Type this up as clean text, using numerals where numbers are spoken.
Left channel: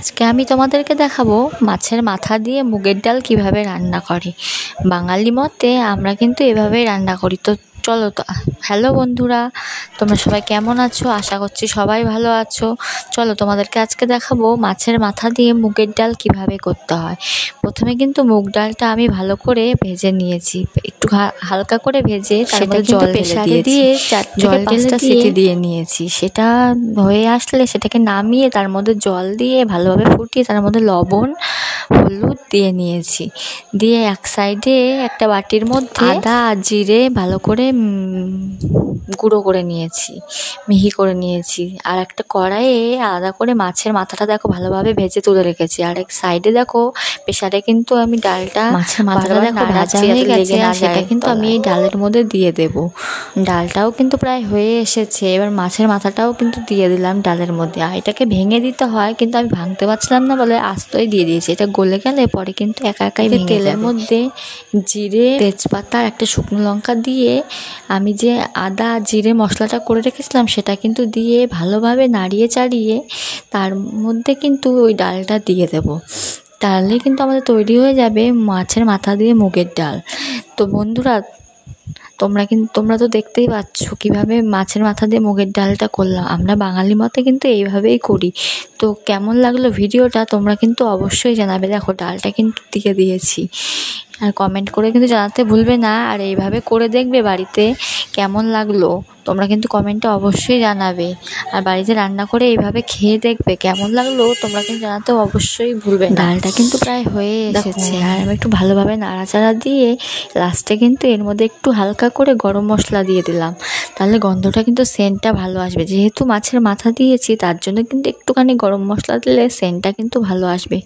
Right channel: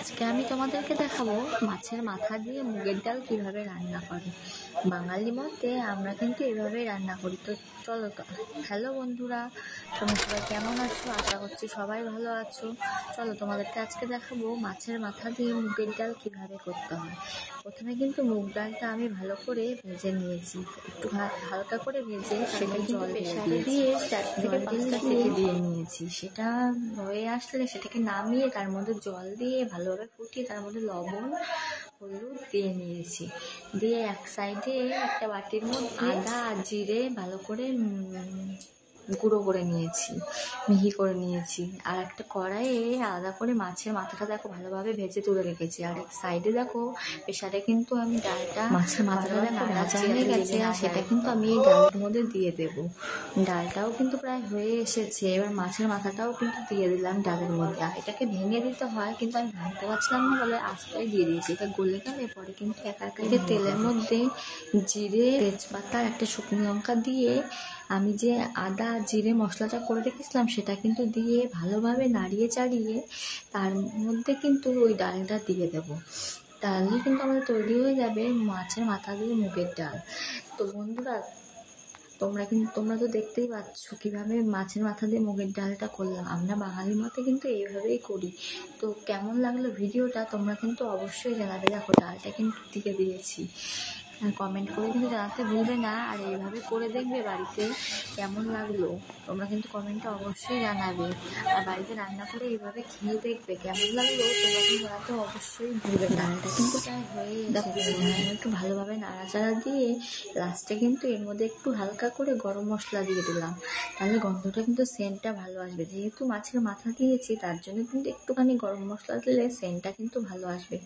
আজকে আমি তোমাদেরকে দেখাবো মাছের মাথা দিয়ে মুগের ডাল কিভাবে রান্না করে। বাঙালি মতে আমরা কিন্তু এভাবেই রান্না করি। তো চলো তো। হ্যালো বন্ধুরা, তোমরা সবাই কেমন আছো? আশা করছি সবাই ভালো আছো। চলো তোমাদেরকে আজকে দেখাবো মাছের মাথা দিয়ে মুগের ডাল কিভাবে করতে হয়। প্রথমে কিন্তু মুগ ডালটা আমি ভালো করে ভেজে নিয়েছি, একটু হালকা করে ভেজে সেটা জল ঢেলে দিয়ে জল ঢেলে সিটি দিয়ে নিয়েছি। সেটা হয়ে আসলে সেটাকে নামিয়ে তার মধ্যে জল দিয়ে ভালোভাবে ফুটিয়ে তার মধ্যে লবণ হলুদ দিয়ে নিয়েছি। দিয়ে এক সাইডে একটা বাটির মধ্যে আদা আর জিরে ভালো করে গুঁড়ো করে নিয়েছি, মিহি করে নিয়েছি। আর একটা কড়াইয়ে আলাদা করে মাছের মাথাটা দেখো ভালোভাবে ভেজে তুলে রেখেছি। আর এক সাইডে দেখো প্রেসারে কিন্তু আমি ডালটা, মাছের মাথাটা দেখো ভাজা হয়ে গেছে, আর সেটা কিন্তু আমি এই ডালের মধ্যে দিয়ে দেব। ডালটাও কিন্তু প্রায় হয়ে এসেছে। এবার মাছের মাথাটাও কিন্তু দিয়ে দিলাম ডালের মধ্যে। আর এটাকে ভেঙে দিতে হয়, কিন্তু আমি ভাঙতে পারছিলাম না বলে আস্তই দিয়ে দিয়েছি। এটা গলে গেলে পরে কিন্তু একা একাই তেলের মধ্যে জিরে, তেজপাতা আর একটা শুকনো লঙ্কা দিয়ে আমি যে আদা জিরে মশলাটা করে রেখেছিলাম সেটা কিন্তু দিয়ে ভালোভাবে নাড়িয়ে চাড়িয়ে তার মধ্যে কিন্তু ওই ডালটা দিয়ে দেব। তাহলে কিন্তু আমাদের তৈরি হয়ে যাবে মাছের মাথা দিয়ে মুগের ডাল। তো বন্ধুরা, তোমরা তো দেখতেই পাচ্ছ কিভাবে মাছের মাথা দিয়ে মুগের ডালটা করলাম। আমরা বাঙালি মতে কিন্তু এইভাবেই করি। তো কেমন লাগলো ভিডিওটা তোমরা কিন্তু অবশ্যই জানাবে। দেখো ডালটা কিন্তু দিয়ে দিয়েছি, আর কমেন্ট করে কিন্তু জানাতে ভুলবে না। আর এইভাবে করে দেখবে বাড়িতে, কেমন লাগলো তোমরা কিন্তু কমেন্টে অবশ্যই জানাবে। আর বাড়িতে রান্না করে এইভাবে খেয়ে দেখবে কেমন লাগলো তোমরা কিন্তু জানাতে অবশ্যই ভুলবে না। ডালটা কিন্তু প্রায় হয়ে এসেছে, আর আমি একটু ভালোভাবে নাড়াচাড়া দিয়ে লাস্টে কিন্তু এর মধ্যে একটু হালকা করে গরম মশলা দিয়ে দিলাম। তাহলে গন্ধটা কিন্তু সেন্টটা ভালো আসবে। যেহেতু মাছের মাথা দিয়েছি তার জন্য কিন্তু একটুখানি গরম মশলা দিলে সেন্টটা কিন্তু ভালো আসবে।